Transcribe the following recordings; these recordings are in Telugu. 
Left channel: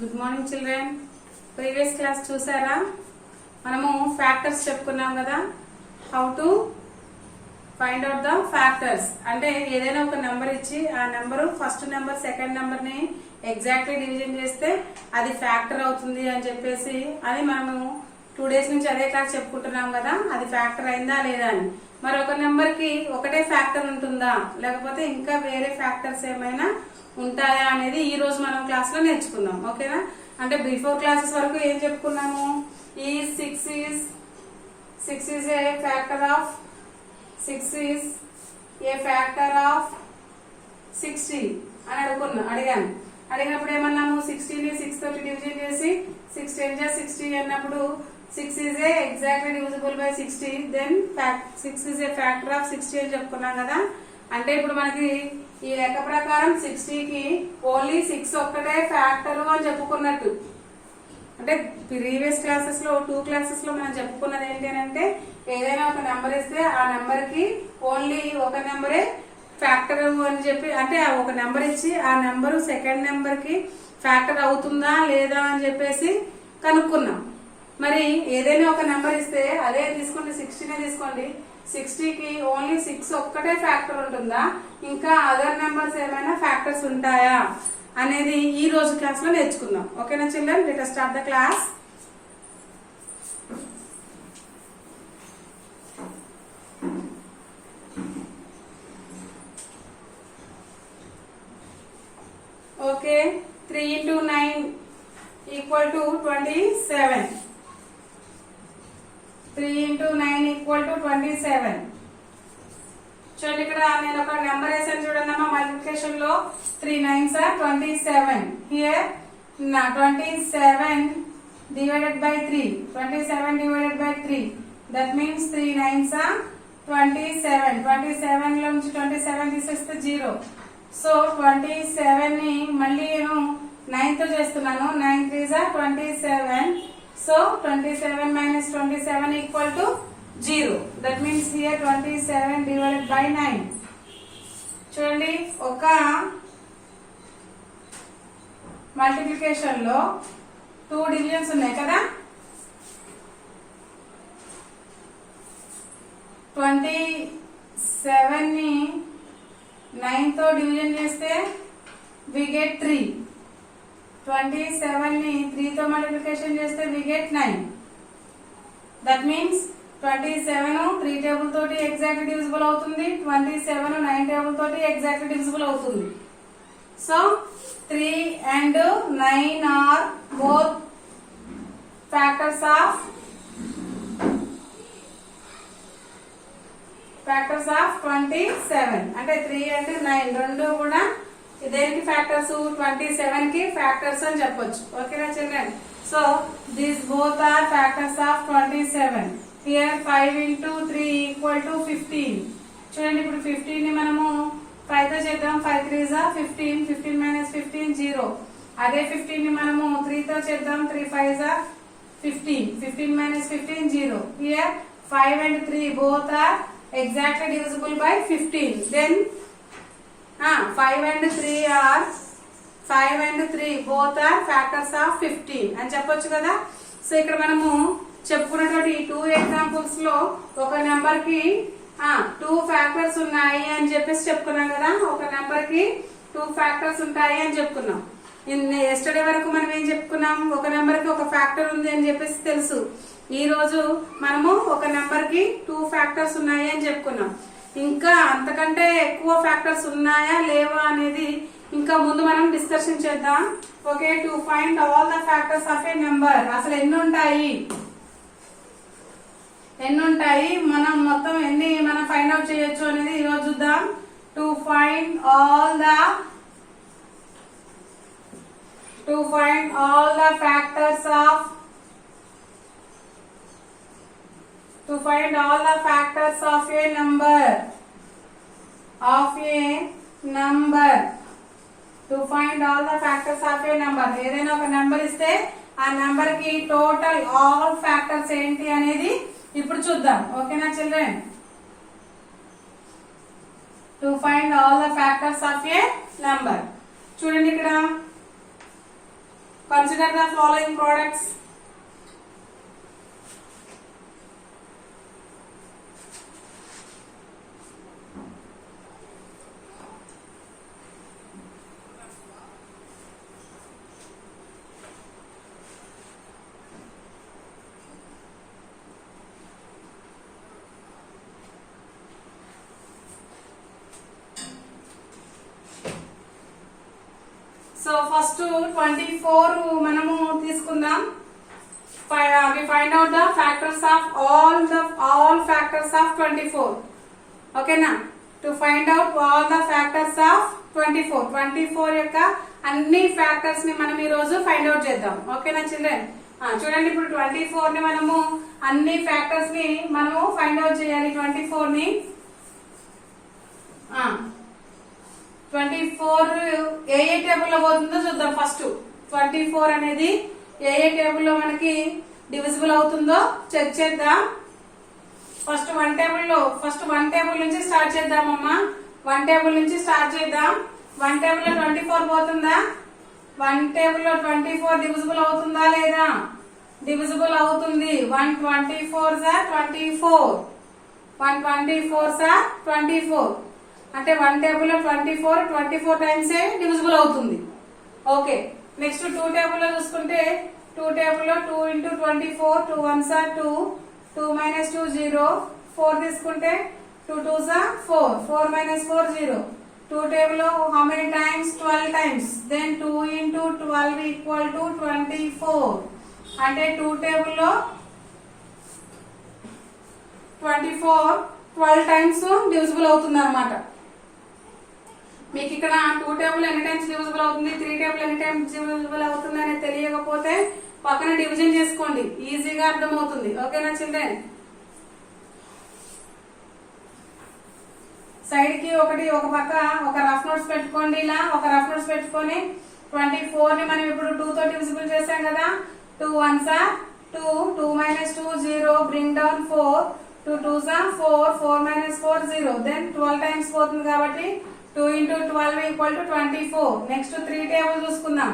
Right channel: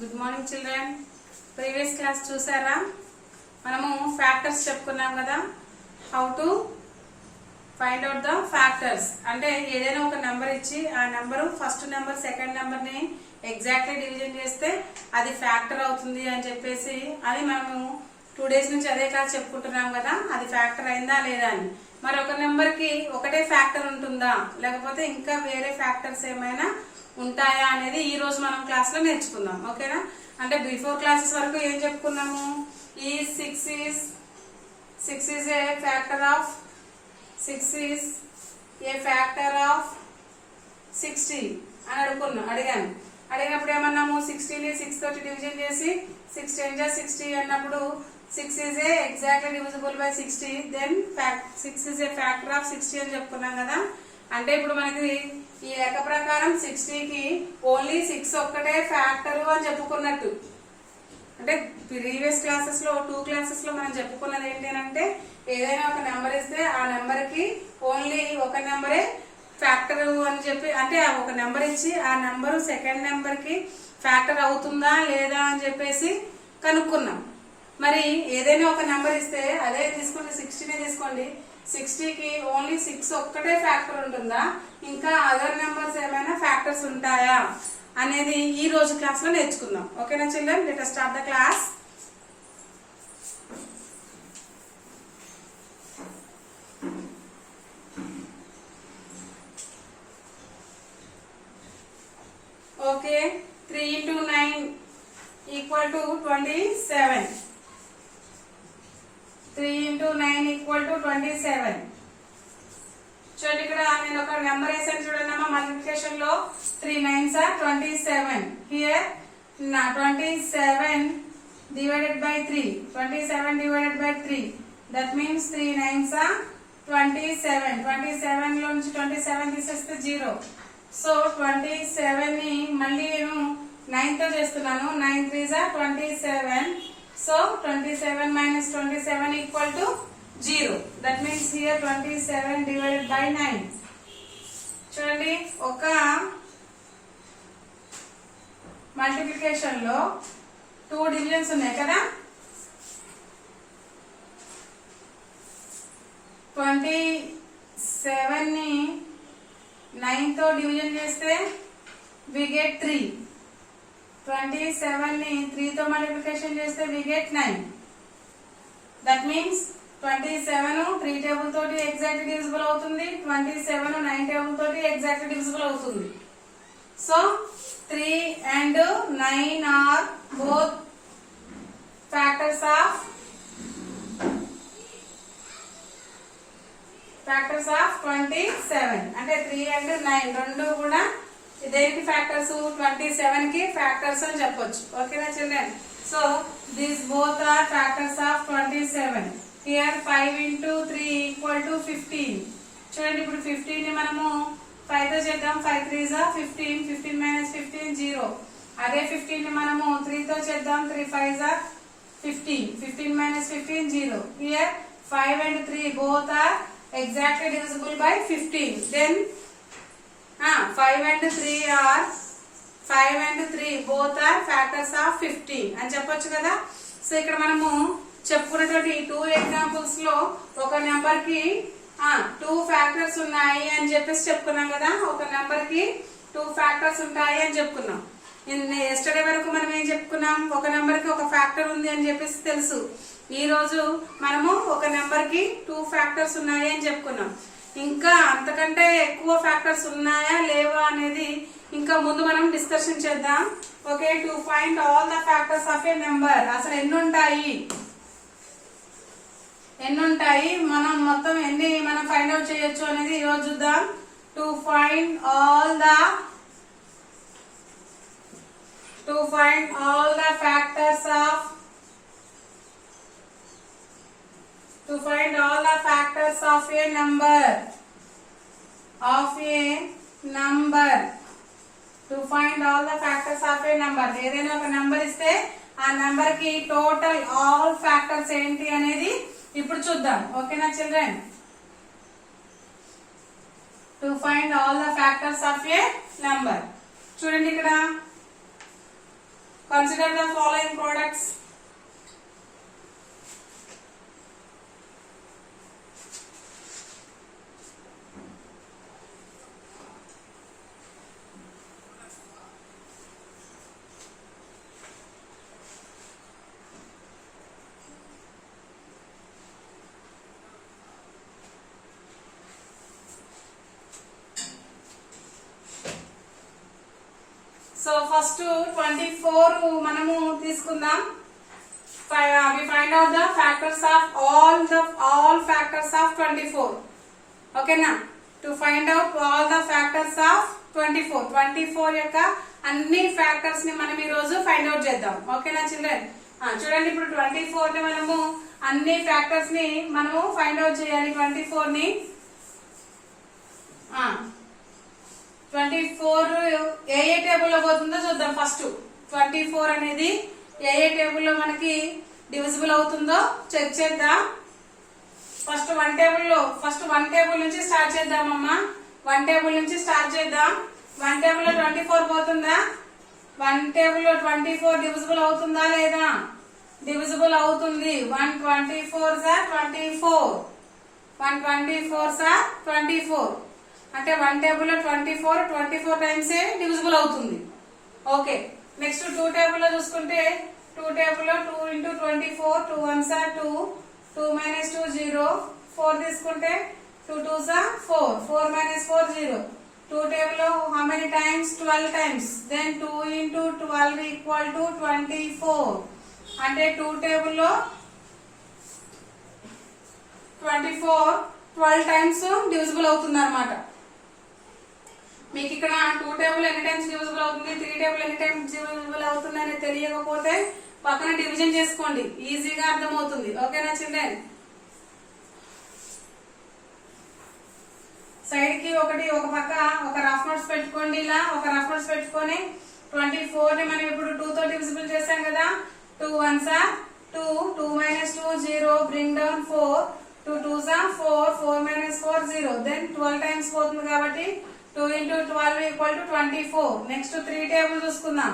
Good morning children. Previous class చూసారా? మనము ఫ్యాక్టర్స్ చెప్పుకున్నాం కదా. How to find out the factors అంటే ఏదైనా ఒక నెంబర్ ఇచ్చి ఆ number first number second number ని ఎగ్జాక్ట్లీ డివిజన్ చేస్తే అది ఫ్యాక్టర్ అవుతుంది అని చెప్పేసి అది మనము 2 days నుంచి అదే క్లాస్ చెప్పుకుంటున్నాం కదా. అది ఫ్యాక్టర్ అయిందా లేదా అని. మరి ఒక నెంబర్ కి ఒకటే ఫ్యాక్టర్ ఉంటుందా లేకపోతే ఇంకా వేరే ఫ్యాక్టర్స్ ఏమైనా ఉంటాయా అనేది ఈ రోజు మనం క్లాస్ లో నేర్చుకుందాం. ఓకేనా? అంటే బిఫోర్ క్లాసెస్ వరకు ఏం చెప్పుకున్నాము? ఈ 6 is a factor of 60 అని అడిగాను. అడిగినప్పుడు ఏమన్నాము? 60 ని 6 తోటి డివిజన్ చేసి 6 10 60 అన్నప్పుడు 6 is a exactly divisible by 60, then 6 is a factor of 60 అని చెప్పుకున్నాం కదా. అంటే ఇప్పుడు మనకి ఈ లెక్క ప్రకారం 60 కి ఓన్లీ 6 ఒక్కటే ఫ్యాక్టర్ అని చెప్పుకున్నట్టు. అంటే ప్రీవియస్ క్లాసెస్ లో 2 classes లో మనం చెప్పుకున్నది ఏంటి అంటే ఏదైనా ఒక నెంబర్ ఇస్తే ఆ నెంబర్ కి ఓన్లీ ఒక నెంబరే ఫ్యాక్టర్ అని చెప్పి, అంటే ఒక నెంబర్ ఇచ్చి ఆ నెంబర్ సెకండ్ నెంబర్ కి ఫ్యాక్టర్ అవుతుందా లేదా అని చెప్పేసి కనుక్కున్నాం. మరి ఏదైనా ఒక నెంబర్ ఇస్తే అదే తీసుకోండి, 60నే తీసుకోండి. 60 కి ఓన్లీ 6 ఒక్కటే ఫ్యాక్టర్ ఉంటుందా, ఇంకా అదర్ నెంబర్స్ ఏమైనా ఫ్యాక్టర్స్ ఉంటాయా అనేది ఈ రోజు క్లాస్ లో నేర్చుకుందాం. ఓకేనా children? Let us start the class. Okay, 3 into 9 equal to 27. 3 into 9 equal to 27. చూడండి, ఇక్కడ నేను ఒక నెంబర్ వేసాను చూడండి అమ్మా. మల్టిప్లికేషన్ లో 3 9s are 27. Here 27 divided by 3. 27 divided by 3. That means 3 9s are 27. 27 లో నుంచి 27 తీసేస్తే 0. సో 27 ని మళ్ళీ నేను 9 తో చేస్తున్నాను. 9 3s are 27. So 27 minus 27 equal to 0. That means here 27 divided by 9. చూడండి, ఒక మల్టిప్లికేషన్ లో 2 డివిజన్స్ ఉన్నాయి కదా. 27 ని 9 తో డివిజన్ చేస్తే we get 3. 27 ని 3 తో మల్టిప్లికేషన్ చేస్తే we get 9. That means 27 3 table తోటి ఎగ్జాక్ట్ డివిజిబుల్ అవుతుంది. 27 9 టేబుల్ తోటి ఎగ్జాక్ట్ డివిజిబుల్ అవుతుంది. So 3 and 9 are both factors of 27. అంటే 3 and 9 రెండు కూడా దేనికి ఫ్యాక్టర్స్? 27 కి ఫ్యాక్టర్స్ అని చెప్పొచ్చు. ఓకేనా children? So these both are factors of 27. Here 5 into 3 equal to 15. చూడండి, ఇప్పుడు 15 ని మనము 5 తో చేద్దాం. 5 3s are 15. 15 minus 15 0. అదే 15 ని మనము 3 తో చేద్దాం. 3 5s are 15. 15 minus 15 0. Here 5 and 3 both are exactly divisible by 15. Then 5 and 3 both are factors of 15 అని చెప్పొచ్చు కదా. సో ఇక్కడ మనము చెప్పుకున్నటువంటి 2 ఎగ్జాంపుల్స్ లో ఒక నెంబర్ కి 2 ఫ్యాక్టర్స్ ఉన్నాయి అని చెప్పేసి చెప్పుకున్నాం కదా. ఒక నెంబర్ కి 2 ఫ్యాక్టర్స్ ఉంటాయి అని చెప్పుకున్నాం. ఎస్టర్డే వరకు మనం ఏం చెప్పుకున్నాం? ఒక నెంబర్ కి ఒక ఫ్యాక్టర్ ఉంది అని చెప్పేసి తెలుసు. ఈ రోజు మనము ఒక నెంబర్ కి 2 ఫ్యాక్టర్స్ ఉన్నాయి అని చెప్పుకున్నాం. ఇంకా అంతకంటే ఎక్కువ ఫ్యాక్టర్స్ ఉన్నాయా లేవా అనేది ఇంకా ముందు మనం డిస్కషన్ చేద్దాం. Okay, to find all the factors of A number. అసలు ఎన్ని ఉంటాయి, మనం మొత్తం ఎన్ని మనం ఫైండ్ అవుట్ చేయొచ్చు అనేది ఈరోజు చూద్దాం. To find all the factors of A number. To find all the factors of A number. ఏదైనా ఒక నెంబర్ ఇస్తే ఆ నెంబర్ కి టోటల్ ఆల్ ఫ్యాక్టర్స్ ఏంటి అనేది ఇప్పుడు చూద్దాం. ఓకేనా children? To find all the factors of A number. చూడండి, ఇక్కడ Consider the following products. So first 24 మనము తీసుకుందాం. We find out the factors of all factors of 24. Okay na? To find out all the factors of 24 యొక్క అన్ని ఫ్యాక్టర్స్ ని మనం ఈ రోజు ఫైండ్ అవుట్ చేద్దాం. ఓకేనా చిల్డ్రన్? చూడండి ఇప్పుడు 24 ని మనము అన్ని ఫ్యాక్టర్స్ ని మనము ఫైండ్ అవుట్ చేయాలి. 24 ని 24 ఏ టేబుల్ లో పోతుందో చూద్దాం. ఫస్ట్ 24 అనేది ఏ టేబుల్ లో మనకి డివిజిబుల్ అవుతుందో చెక్ చేద్దాం. ఫస్ట్ వన్ టేబుల్ నుంచి స్టార్ట్ చేద్దామమ్మా. వన్ టేబుల్ నుంచి స్టార్ట్ చేద్దాం. వన్ టేబుల్ లో 24 పోతుందా? వన్ టేబుల్ లో 24 డివిజిబుల్ అవుతుందా లేదా? డివిజిబుల్ అవుతుంది. 124 సార్ 24, 124 సార్ 24. అంటే వన్ టేబుల్ లో 24 టైమ్స్ డివిజిబుల్ అవుతుంది. ఓకే, నెక్స్ట్ 2 టేబుల్ లో చూసుకుంటే 2 టేబుల్ లో 2 into 24, 2 1s are 2, 2 minus 2 0, 4 తీసుకుంటే 2 2s are 4, 4 minus 4 0. 2 టేబుల్ లో how many times? 12 times. Then 2 into 12 equal to 24. అంటే 2 టేబుల్ లో 24 12 టైమ్స్ డివిజిబుల్ అవుతుంది అన్నమాట. మీకు ఇక్కడ 2 టేబుల్ ఎన్ని టైమ్స్ డివిజిబుల్ అవుతుంది, 3 టేబుల్ ఎన్ని టైమ్స్ డివిజిబుల్ అవుతుంది అని తెలియకపోతే పక్కన డివిజన్ చేసుకోండి, ఈజీగా అర్థమవుతుంది. ఓకేనా చిల్డ్రన్? సైడ్ కి ఒక పక్క ఒక రఫ్ నోట్స్ పెట్టుకోండి. ఇలా ఒక రఫ్ నోట్స్ పెట్టుకొని 24 ని మనం ఇప్పుడు 2 తో డివిజిబుల్ చేసాం కదా. 2 1s are 2, 2 minus 2 0, bring down 4, 2 2s are 4, 4 minus 4 0. Then 12 times పోతుంది కాబట్టి 2 into 12 equal to 24. Next 3 table చూసుకుందాం.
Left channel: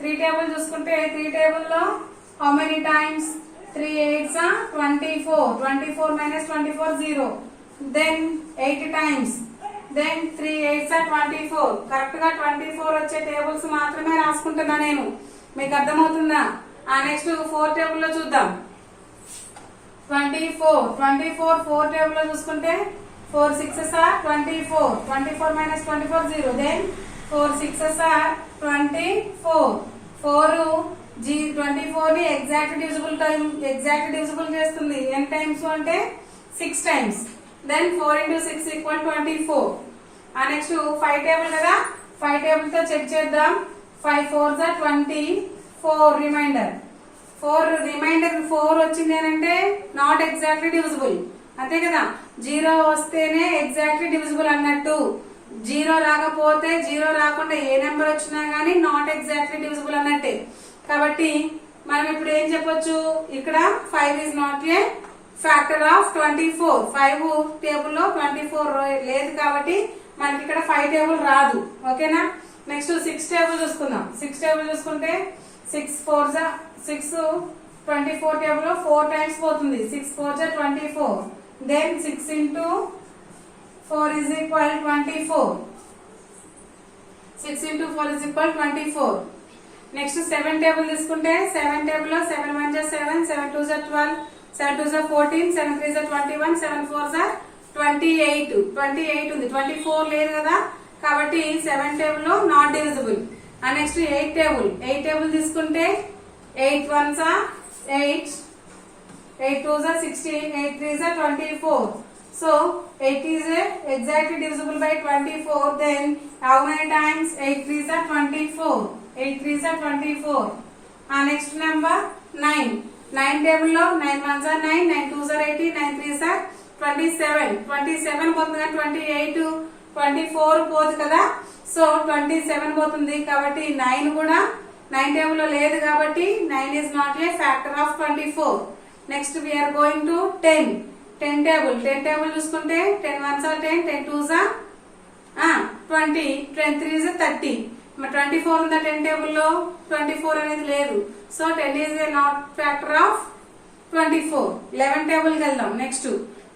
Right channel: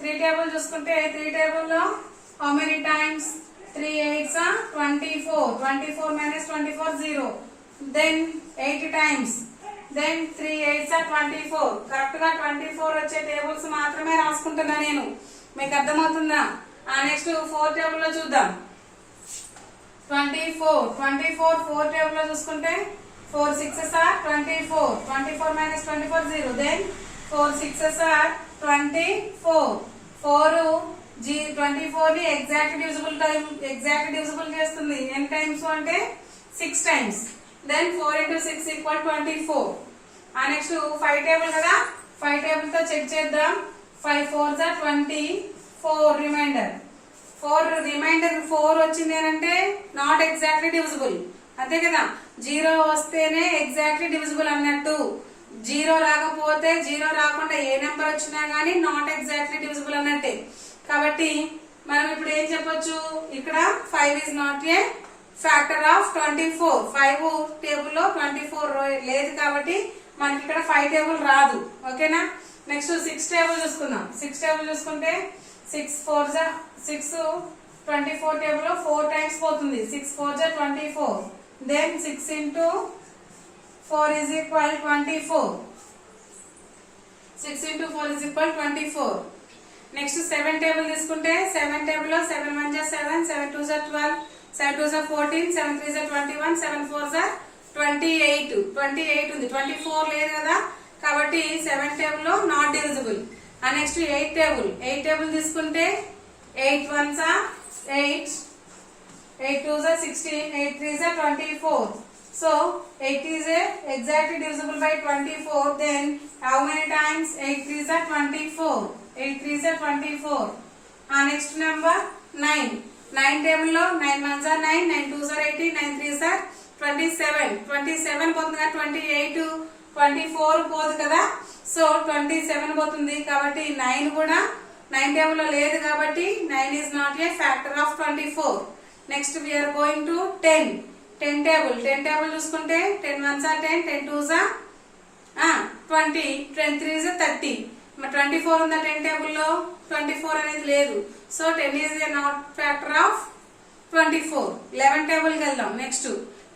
3 టేబుల్ చూసుకుంటే 3 టేబుల్ లో how many times? 3 8s are 24, 24 minus 24 0. Then 8 times. Then 3 8s are 24. Correct గా 24 వచ్చే టేబుల్స్ మాత్రమే రాసుకుంటున్నా నేను. మీకు అర్థమవుతుందా? నెక్స్ట్ 4 టేబుల్ లో చూద్దాం. 24 4 టేబుల్ లో చూసుకుంటే 4 6s are 24, 24 minus 24 0. Then 4 6s are 24. 24 ని ఎగ్జాక్ట్ డివిజిబుల్ చేస్తుంది. ఎన్ని టైమ్స్ అంటే 6 times. Then 4 into 6 equal 24. Next 5 table కదా. 5 టేబుల్ తో చెక్ చేద్దాం. 5 4s are 24 రిమైండర్. 4 వచ్చింది అంటే నాట్ ఎగ్జాక్ట్లీ డివిజిబుల్, అంతే కదా. 0 వస్తేనే ఎగ్జాక్ట్లీ డివిజిబుల్ అన్నట్టు. 0 రాకపోతే 0 రాకుండా ఏ నెంబర్ వచ్చినా గానీ నాట్ ఎగ్జాక్ట్లీ డివిజిబుల్ అన్నట్టే. కాబట్టి మనం ఇప్పుడు ఏం చెప్పొచ్చు, ఇక్కడ 5 is not a factor of 24. 5 table లో 24 లేదు కాబట్టి మనకి ఇక్కడ 5 టేబుల్ రాదు. ఓకేనా? నెక్స్ట్ 6 టేబుల్ చూసుకుందాం. 6 టేబుల్ చూసుకుంటే 6 4s are 6 24 టేబుల్ లో 4 టైమ్స్ పోతుంది. 6 4s are 24. Then 6 into 4 is equal 24. 6 into 4 is equal 24. Next 7 table తీసుకుంటే 7 టేబుల్ లో 7 1s are 7, 7 2s are 12, 7 2s are 14, 7 3s are 21, 7 4s are 28. 28 ఉంది, 24 లేదు కదా. కాబట్టి 7 టేబుల్ లో నాట్ డివిజిబుల్. నెక్స్ట్ 8 టేబుల్ తీసుకుంటే 8 1s are 8, 8 2s are 16, 8 3s are 24. So 8 is exactly divisible by 24. Then how many times? 8 3s are 24. 8 3s are 24. Next number 9. 9 table lo 9 1s are 9, 9 2s are 18, 9 3s are 27. 27 పోతుంది కదా, 28 24 పోదు కదా. సో 27 పోతుంది కాబట్టి 9 కూడా 9 table లో లేదు కాబట్టి 9 is not a factor of 24. Next we are going to 10. 10 table చూసుకుంటే 10 1s are 10, 10 2s are 20, 10 3s are 30. మరి 24 ఉందా 10 టేబుల్లో? 24 అనేది లేదు. So 10 is a not factor of 24. 11 టేబుల్కి వెళ్దాం. Next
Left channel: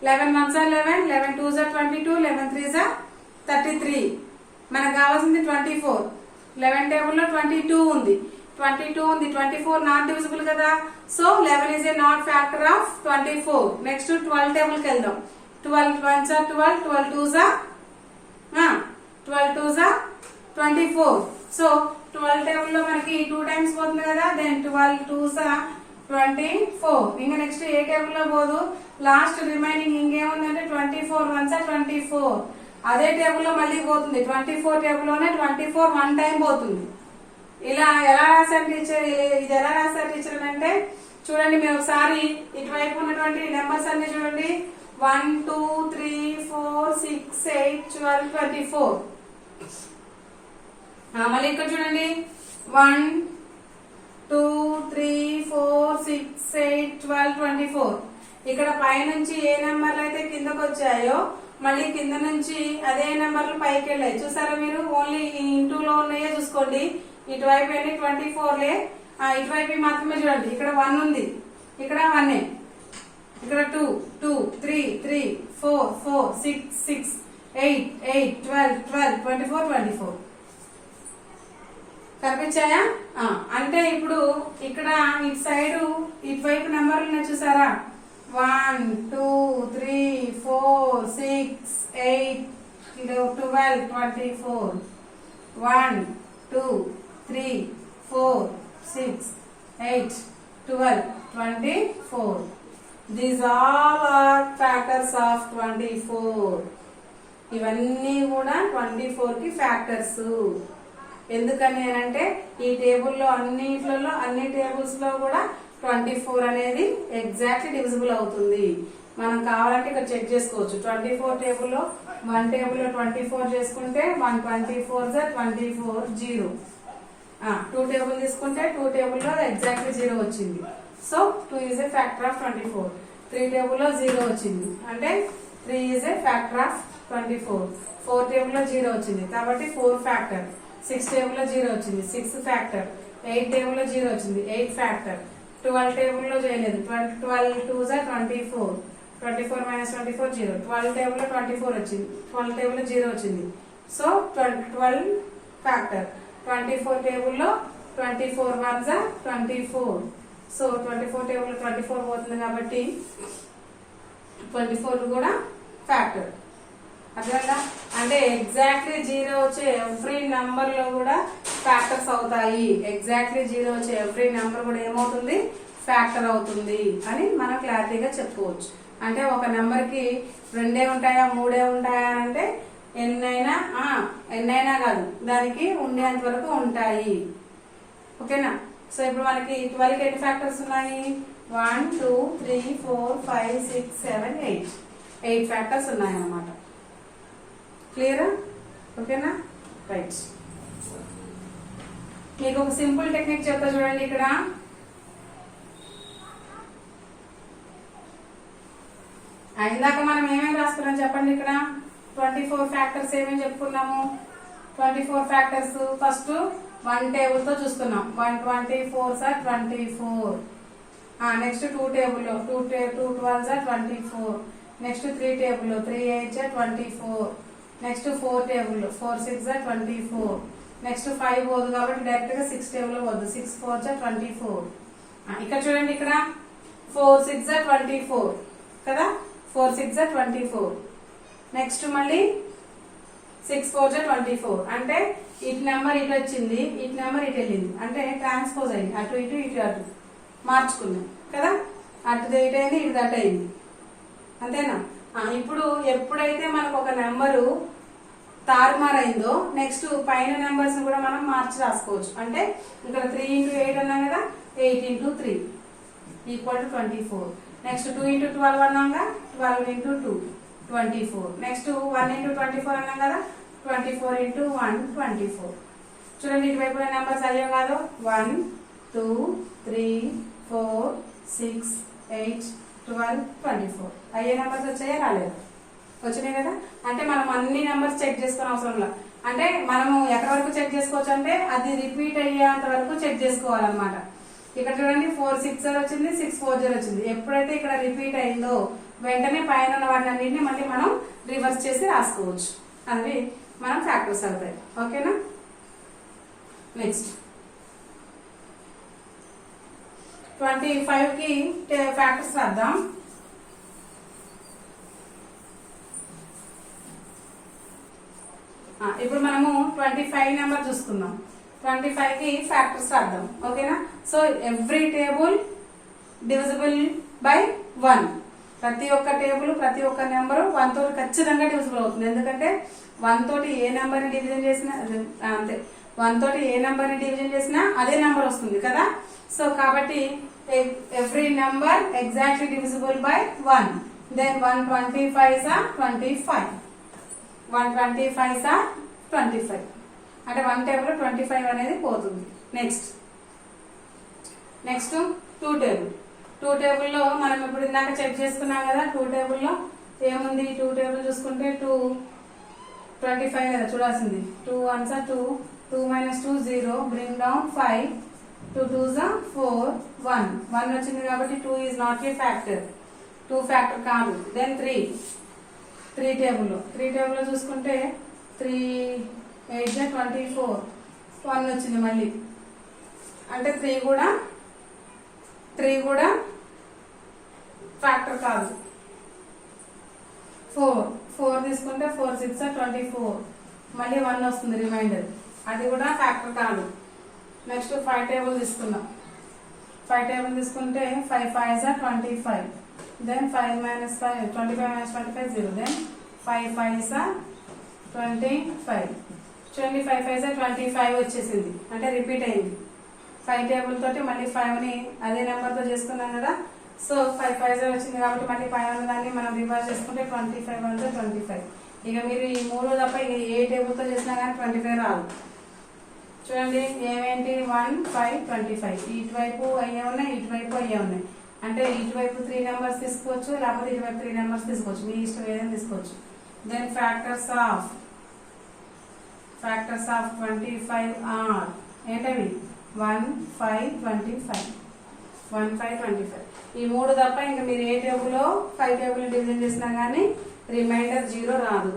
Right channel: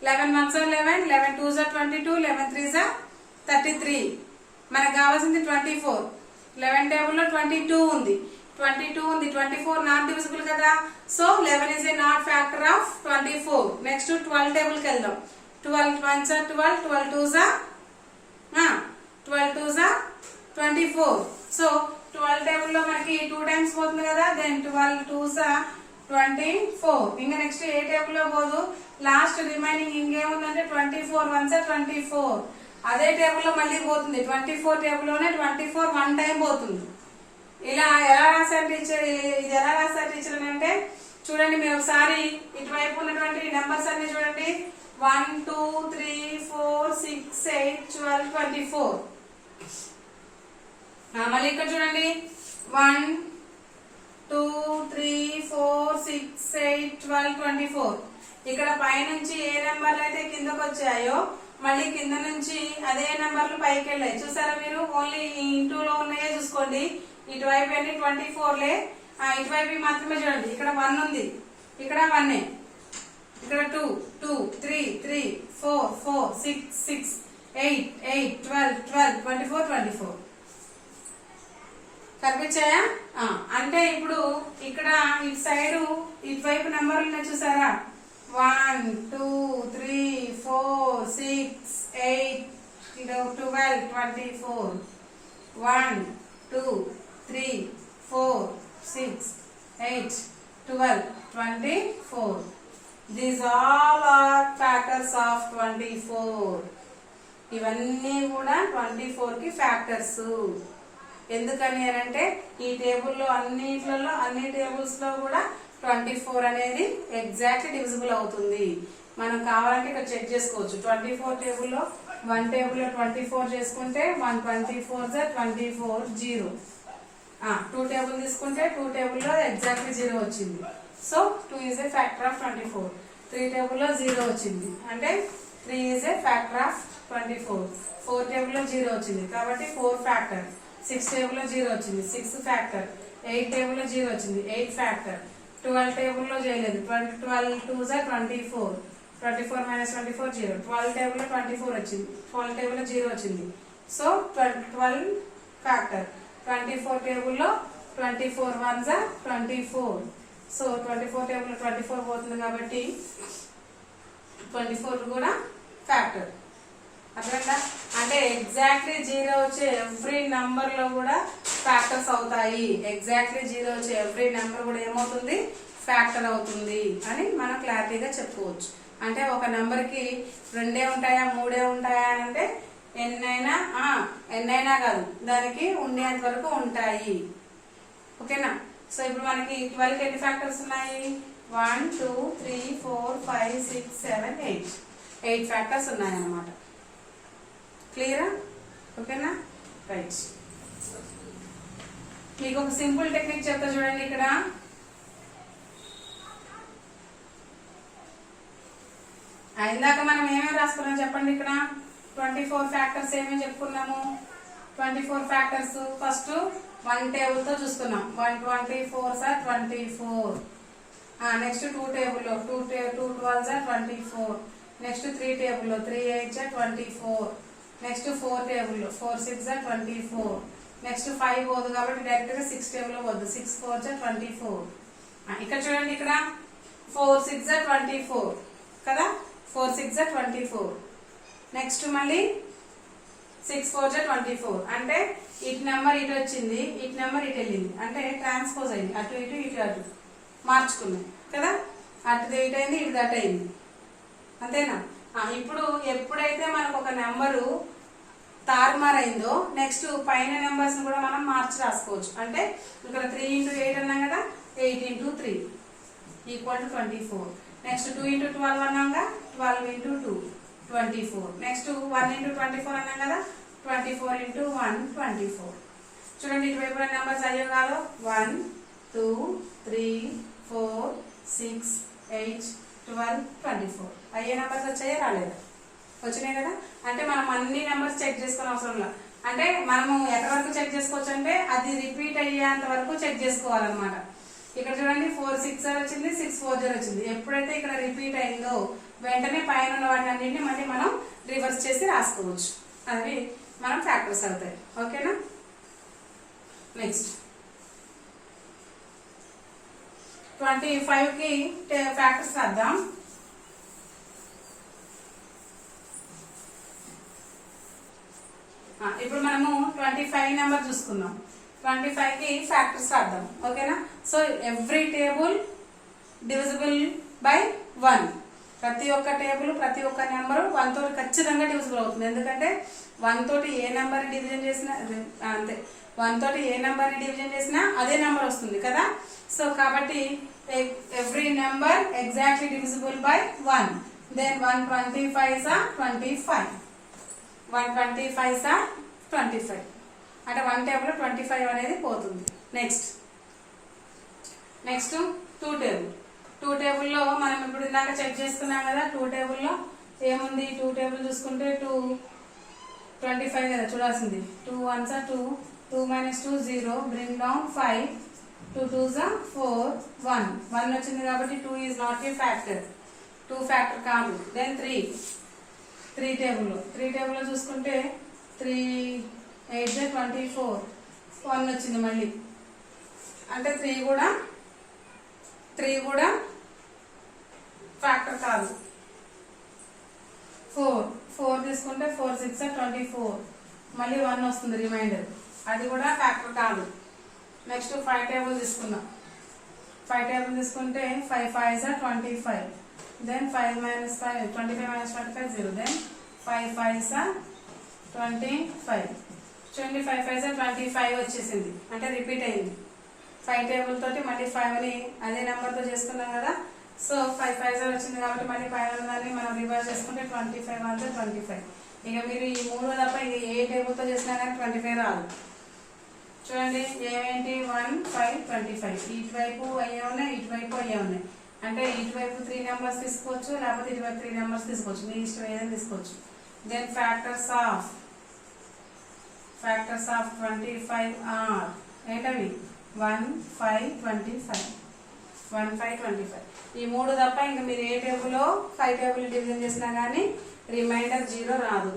11 1s are 11, 11 2s are 22, 11 3s are 33. మనకు కావాల్సింది 24. 11 టేబుల్లో 22 ఉంది. 24 నాట్ డివిజిబుల్ కదా. So 11 is a not factor of 24. Next 12 టేబుల్కి వెళ్దాం. 12 1s are 12, 12 2s are 24. So 12 టేబుల్లో మనకి 2 టైమ్స్ పోతుంది కదా. Then 12 2s are 24. ఇంకా నెక్స్ట్ ఏ టేబుల్లో పోదు. లాస్ట్ రిమైనింగ్ ఇంకేముందంటే 24 1s are 24. అదే టేబుల్లో మళ్ళీ పోతుంది. 24 టేబుల్లోనే 24 1 టైం పోతుంది. ఇలా ఎలా రాశారు టీచర్? ఇది ఎలా రాశారు టీచర్ అంటే చూడండి, మీరు ఒకసారి ఇటువైపు ఉన్నటువంటి నెంబర్స్ అన్ని చూడండి. 1 2 3 4 6 8 12 24. మళ్ళీ ఇక్కడ చూడండి 1 2 3 4 6 8 12 24. ఇక్కడ పైనుంచి ఏ నెంబర్లు అయితే కిందకు వచ్చాయో మళ్ళీ కింద నుంచి అదే నెంబర్లు పైకి వెళ్ళాయి. చూసారా మీరు? ఓన్లీ ఇంటూలో ఉన్నాయో చూసుకోండి. ఇటువైపు అన్ని 24లే. ఇటువైపు మాత్రమే చూడండి. ఇక్కడ 1 ఉంది, ఇక్కడ 1, ఇక్కడ 2 2 3 3 4 4 6 6 8 8 12 12 24 24. కనిపించాయా? అంటే ఇప్పుడు ఇక్కడ ఇటు సైడ్ ఇటువైపు నెంబర్లు ఉన్నాయి చూసారా? 1 2 3 4 6 8 12 24. 1 2 3 4 6 8 12 24. These all are factors of 24. ఇవన్నీ కూడా 24 కి ఫ్యాక్టర్స్. ఎందుకని అంటే ఈ టేబుల్లో అన్ని టేబుల్స్ లో కూడా 24 అనేది ఎగ్జాక్ట్లీ డివిజిబుల్ అవుతుంది. మనం కావాలంటే ఇక్కడ చెక్ చేసుకోవచ్చు. 24 టేబుల్లో 1 టేబుల్లో 24 చేసుకుంటే 1 24 24 0. 2 టేబుల్ తీసుకుంటే 2 టేబుల్లో ఎగ్జాక్ట్లీ 0 వచ్చింది. So 2 is a factor of 24. 3 టేబుల్లో 0 వచ్చింది అంటే 3 ఈజ్ ఏ ఫ్యాక్టర్ ఆఫ్ 24. 4 టేబుల్లో 0 వచ్చింది కాబట్టి 4 ఫ్యాక్టర్. 6 టేబుల్లో 0 వచ్చింది, 6 ఫ్యాక్టర్. 8 టేబుల్లో 0 వచ్చింది, 8 ఫ్యాక్టర్. 12 టేబుల్లో చేయలేదు. 12 2s are 24. 24 minus 24 0. 12 టేబుల్లో 24 వచ్చింది, 12 టేబుల్లో 0 వచ్చింది. So 12 factor. 24 టేబుల్లో 24 1s are 24. సో 24 టేబుల్లో 24 పోతుంది కాబట్టి 24 కూడా ఫ్యాక్టర్. అర్థమైందా? అంటే ఎగ్జాక్ట్లీ 0 వచ్చే ఎవ్రీ నంబర్ లో కూడా ఫ్యాక్టర్స్ అవుతాయి. ఎగ్జాక్ట్లీ 0 వచ్చే ఎవ్రీ నెంబర్ కూడా ఏమవుతుంది? ఫ్యాక్టర్ అవుతుంది అని మనం క్లారిటీగా చెప్పుకోవచ్చు. అంటే ఒక నెంబర్ కి 2 ఉంటాయా 3 ఉంటాయా అని అంటే ఎన్నైనా కాదు, దానికి ఉండేంత వరకు ఉంటాయి. ఓకేనా? సో ఇప్పుడు మనకి 12 ఎన్ని ఫ్యాక్టర్స్ ఉన్నాయి? 1 2 3 4 5 6 7 8. 8 ఫ్యాక్టర్స్ ఉన్నాయన్నమాట. క్లియరా? ఓకేనా? రైట్. మీకు ఒక సింపుల్ టెక్నిక్ చెప్తా చూడండి. ఇక్కడ ఇందాక మనం ఏమేమి రాసుకున్నాం చెప్పండి. ఇక్కడ 24 ఫ్యాక్టర్స్ ఏమేమి చెప్పుకున్నాము? 24 ఫ్యాక్టర్స్ ఫస్ట్ 1 టేబుల్ తో చూసుకున్నాం. 124s are 24. Next 2 table 2 12s are 24. Next 3 table 3 8s are 24. Next 4 table 4 6s are 24. Next 5 పోదు కాబట్టి డైరెక్ట్ గా 6 టేబుల్ పోదు. 6 4s are 24. ఇక్కడ చూడండి, ఇక్కడ 4 6s are 24 కదా. 4 6s are 24. నెక్స్ట్ మళ్ళీ 6 4s are 24. అంటే ఇటు నెంబర్ ఇటు వచ్చింది, ఇటు నెంబర్ ఇటు వెళ్ళింది. అంటే ట్రాన్స్పోజ్ అయింది. అటు ఇటు ఇటు అటు మార్చుకున్నాం కదా. అటు ఇటు అయింది, ఇటు అటు అయింది. అంతేనా? ఇప్పుడు ఎప్పుడైతే మనకు ఒక నెంబరు తారుమారైందో నెక్స్ట్ పైన నెంబర్స్ కూడా మనం మార్చి రాసుకోవచ్చు. అంటే ఇక్కడ 3 into 8 అన్నాం కదా. 8 into 3 equal to 24. Next 2 into 12 అన్నాగా 12 into 2 24. Next 1 into 24 అన్నాం కదా. 24 into 1 24. చూడండి ఇటువైపు నెంబర్స్ అయ్యో కాదు. 1 2 3 4 6 8 12 24. అయ్యే నెంబర్స్ వచ్చాయా రాలేదు? వచ్చినాయి కదా. అంటే మనం అన్ని నెంబర్స్ చెక్ చేసుకునే అవసరం లేదు. అంటే మనము ఎక్కడి వరకు చెక్ చేసుకోవచ్చు అంటే అది రిపీట్ అయ్యేంత వరకు చెక్ చేసుకోవాలన్నమాట. ఇక్కడ చూడండి 460 వచ్చింది, 640 వచ్చింది. ఎప్పుడైతే ఇక్కడ రిపీట్ అయిందో వెంటనే పైన ఉన్న వాటిని అన్నింటినీ మళ్ళీ మనం రివర్స్ చేసి రాసుకోవచ్చు. అవి మనం ఫ్యాక్టర్స్ అవుతాయి. ఓకేనా. నెక్స్ట్ 25 కి ఫ్యాక్టర్స్ రాద్దాం. ఇప్పుడు మనము 25 నెంబర్ చూసుకుందాం. 25 కి ఫ్యాక్టర్స్ రాద్దాం. ఓకేనా. So every table divisible by 1. ప్రతి ఒక్క టేబుల్ ప్రతి ఒక్క నెంబర్ 1 తోటి ఖచ్చితంగా డివిజిబుల్ అవుతుంది. ఎందుకంటే 1 తోటి ఏ నెంబర్ ని డివిజన్ చేసినా అంతే, 1 తోటి ఏ నెంబర్ ని డివిజన్ చేసినా అదే నెంబర్ వస్తుంది కదా. సో కాబట్టి every number exactly divisible by 1. Then 125 are 25. 125 are 25. అంటే 1 టేబుల్ 25 అనేది పోతుంది. Next 2 table. 2 టేబుల్లో మనం ఇప్పుడు ఇందాక చెక్ చేసుకున్నాం కదా. 2 టేబుల్లో ఏముంది? 2 టేబుల్ చూసుకుంటే 25 కదా చూడాల్సింది. 2 1s are 2, 2 minus 2 0, bring down 5, 2 2s are 4, 1 వచ్చింది కాబట్టి 2 is not a factor. 2 factor కాదు. దెన్ 3 టేబుల్లో చూసుకుంటే 3 8 24, 1 వచ్చింది మళ్ళీ. అంటే 3 కూడా ఫ్యాక్టర్ కాదు. 4 తీసుకుంటే 4 6 are 24, మళ్ళీ 1 వస్తుంది రిమైండర్, అది కూడా ఫ్యాక్టర్ కాదు. నెక్స్ట్ 5 టేబుల్ తీసుకుందాం. 5 టేబుల్ తీసుకుంటే 5 5s are 25. Then 5 minus 5 25 minus 25 0. Then 5 5s are 25. చూడండి 5 5s are 25 వచ్చేసింది, అంటే రిపీట్ అయింది. 5 టేబుల్ తోటి మళ్ళీ 5 ని అదే నెంబర్ తో చేసుకున్నాం కదా. సో 5 5s వచ్చింది కాబట్టి మళ్ళీ పైన దాన్ని మనం రివర్స్ చేసుకుంటే 25 1 25. ఇక మీరు ఈ 3 తప్ప ఏ టేబుల్ తో చేసినా కానీ 25 రాదు. చూడండి ఏమేంటి 1 5 25. ఇటువైపు అయ్యే ఉన్నాయి, ఇటువైపు అయ్యే ఉన్నాయి. అంటే ఇటువైపు 3 నెంబర్స్ తీసుకోవచ్చు, లేకపోతే ఇటువైపు 3 నెంబర్స్ తీసుకోవచ్చు, మీ ఇష్టం ఏదైనా తీసుకోవచ్చు. దెన్ ఫ్యాక్టర్స్ ఆఫ్ 25 ఆర్ ఏంటవి? 1 5 25. 1 5 25. ఈ 3 తప్ప ఇంకా మీరు ఏ టేబుల్లో 5 టేబుల్ డివిజన్ చేసినా కానీ రిమైండర్ 0 రాదు.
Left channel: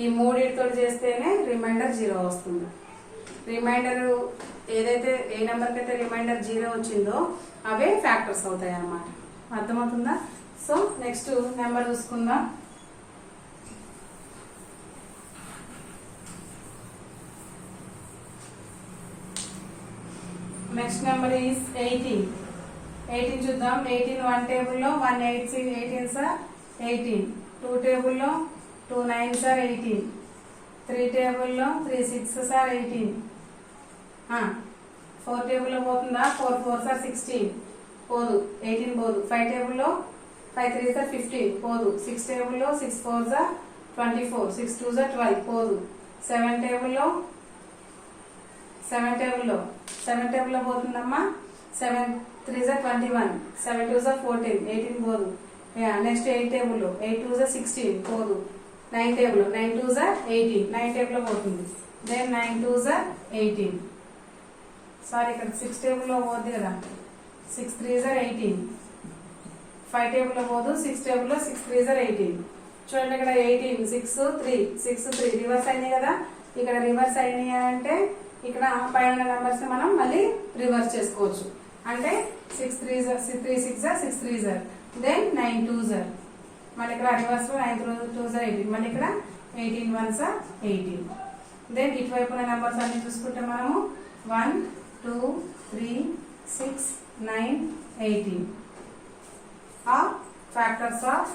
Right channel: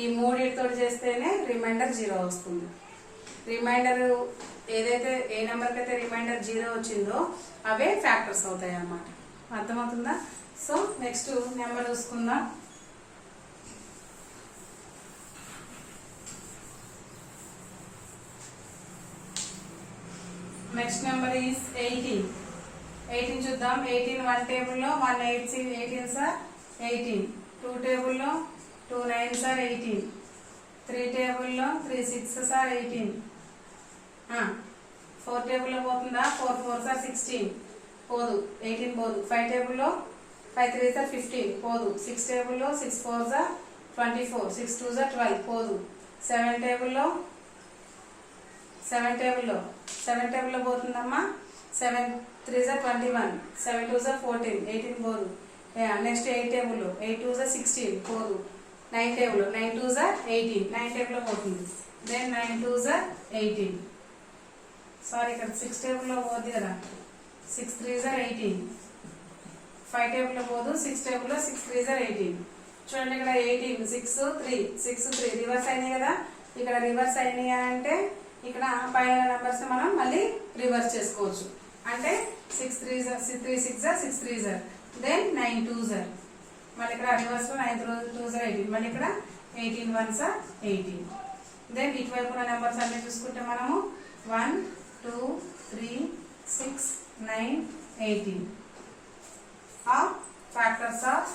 ఈ 3 తోటి చేస్తేనే రిమైండర్ 0 వస్తుంది. రిమైండర్ ఏదైతే ఏ నెంబర్కి అయితే రిమైండర్ 0 వచ్చిందో అవే ఫ్యాక్టర్స్ అవుతాయి అన్నమాట. అర్థమవుతుందా? సో నెక్స్ట్ నెంబర్ చూసుకుందాం. Next number is 18. 18 చూద్దాం. 18 1 టేబుల్లో 1 8 18s are 18. 2 టేబుల్లో 2 9s are 18. 3 టేబుల్లో 3 6s are 18. 4 టేబుల్లో పోతుందా? 4 4s are 16, పోదు, 18 పోదు. 5 టేబుల్లో 5 3s are 15, పోదు. 6 టేబుల్లో 6 4s are 24, 6 2s are 12, పోదు. 7 టేబుల్లో పోతుందమ్మా. 7 3s are 21, 7 2s are 14, 18 పోదు. నెక్స్ట్ 8 టేబుల్లో 8 2s are 16, పోదు. 9 టేబుల్లో 9 2s are 18, 9 టేబుల్లో పోతుంది. Then 9 2s are 18. సారీ ఇక్కడ 6 టేబుల్లో పోద్ది కదా. 6 3s are 18. 5 టేబుల్లో పోదు. 6 టేబుల్లో 6 3s are 18. చూడండి ఇక్కడ 18 6 3 రివర్స్ అయినాయి కదా. ఇక్కడ రివర్స్ అయినాయి అంటే ఇక్కడ పైన నెంబర్స్ మనం మళ్ళీ రివర్స్ చేసుకోవచ్చు. అంటే 6 3s are 6 3s are. Then 9 2s are. మళ్ళీ ఇక్కడ రివర్స్ లో 9 2s are 18. మళ్ళీ ఇక్కడ 18 1s are 18. దెన్ ఇటువైపు ఉన్న నెంబర్స్ అన్ని చూసుకుంటే మనము 1 2 3 6 9 18 are factors of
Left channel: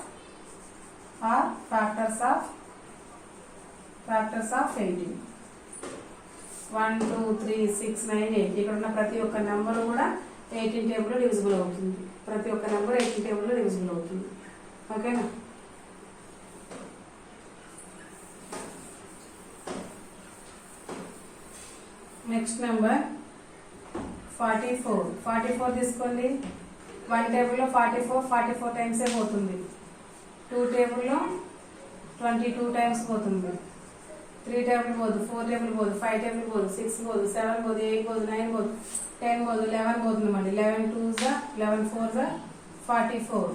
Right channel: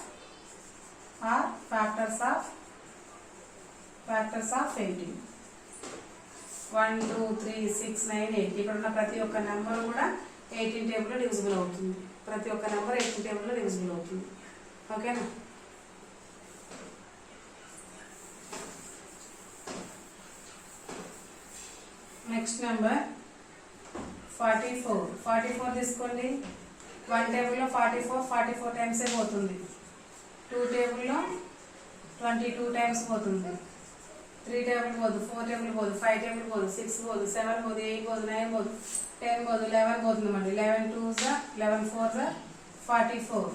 18. 1 2 3 6 9 8. ఇక్కడ ఉన్న ప్రతి ఒక్క నెంబర్ కూడా 18 టేబుల్ లో డివిజిబుల్ అవుతుంది. ప్రతి ఒక్క నెంబర్ 18 టేబుల్ లో డివిజిబుల్ అవుతుంది. ఓకేనా. నెక్స్ట్ నెంబర్ 44 తీసుకోండి. 1 టేబుల్లో 44 టైమ్స్ పోతుంది. 2 టేబుల్లో 22 టైమ్స్ పోతుంది. 3 టేబుల్ పోదు, 4 టేబుల్ పోదు, 5 టేబుల్ పోదు, 6 పోదు, 7 పోదు, 8 పోదు, 9 పోదు, 10 పోదు, 11 పోతుంది మళ్ళీ. 11 2s 11 4s 44.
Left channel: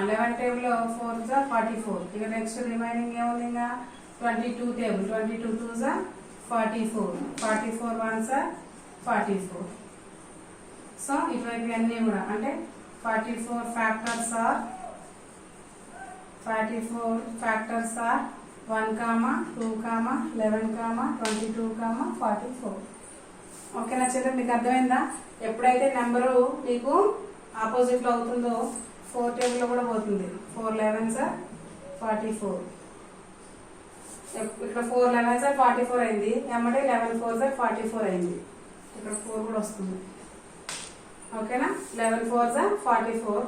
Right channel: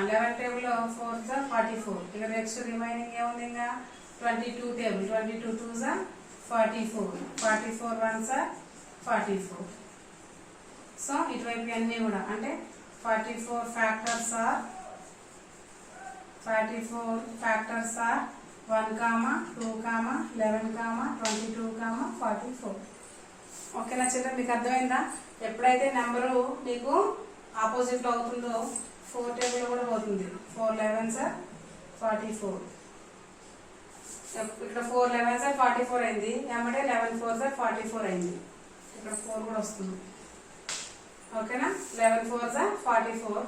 11 table 4s 44. ఇక నెక్స్ట్ రిమైనింగ్ ఏముంది ఇంకా 22 టేబుల్. 22 2s 44. 44 1s 44. సో ఇటువైపు అన్నీ కూడా అంటే 44 ఫ్యాక్టర్స్ ఆర్ 1, 2, 11, 22, 44. ఓకేనా చిల్డ్రన్, మీకు అర్థమైందా? ఎప్పుడైతే నెంబరు మీకు ఆపోజిట్ లో అవుతుందో 4 టేబుల్ కూడా పోతుంది. 4 11s 44. ఇక్కడ 4 11s 44 అయింది, ఎమ్మటే 11 4s 44 అయింది. ఇక్కడ 4 కూడా వస్తుంది. ఓకేనా, 11 4s 44.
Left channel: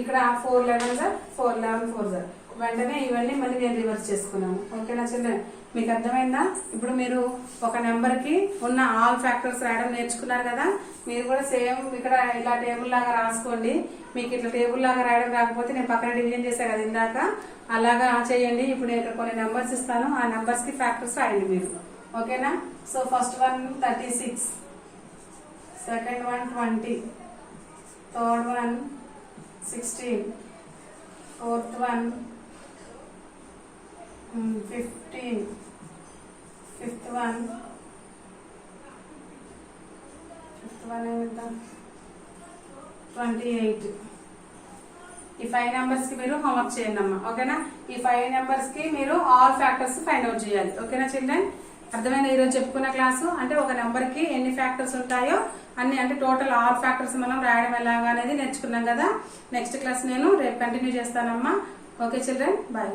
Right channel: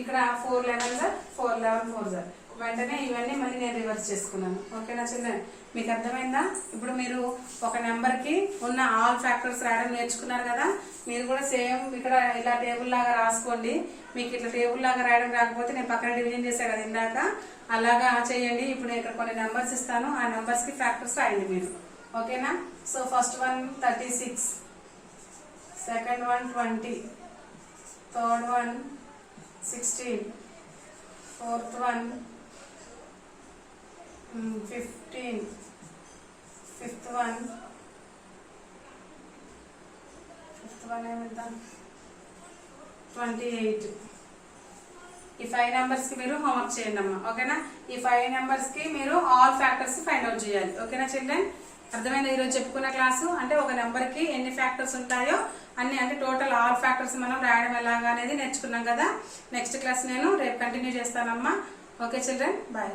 ఇక్కడ 4 11s 4 11 4s. వెంటనే ఇవన్నీ మళ్ళీ నేను రివర్స్ చేసుకున్నాను. ఓకేనా చిల్డ్రన్, మీకు అర్థమైందా? ఇప్పుడు మీరు ఒక నెంబర్ కి ఉన్న ఆల్ ఫ్యాక్టర్స్ రాయడం నేర్చుకున్నారు కదా. మీరు కూడా సేమ్ ఇక్కడ ఇలా టేబుల్ లాగా రాసుకోండి. మీకు ఇట్లా టేబుల్ లాగా రాయడం రాకపోతే నేను పక్కన డివిజన్ చేశాను కదా ఇందాక, అలాగా చేయండి. ఇప్పుడు నేను ఇక్కడ కొన్ని నెంబర్స్ ఇస్తాను, ఆ నెంబర్స్ కి ఫ్యాక్టర్స్ రాయండి మీరు. ఓకేనా, so first one 36, second one 20, third one 16, fourth one 15, fifth one ఏమిద్దాం 28. ఈ 5 నెంబర్స్ కి మీరు హోంవర్క్ చేయండి అమ్మా. ఓకేనా, ఈ 5 నెంబర్స్ కి మీరు ఆల్ ఫ్యాక్టర్స్ ఫైండ్ అవుట్ చేయాలి. ఓకేనా చిల్డ్రన్, అర్థమైంది? ఈరోజు చెప్పుకున్న క్లాసు అంటే ఒక నెంబర్ కి ఎన్ని ఫ్యాక్టర్స్ ఉంటాయో అన్ని, అంటే టోటల్ ఆల్ ఫ్యాక్టర్స్ మనం రాయడం ఎలాగా అనేది నేర్చుకున్నాం కదా. నెక్స్ట్ క్లాస్ నేను రేపు కంటిన్యూ చేస్తానమ్మా. Okay children, bye.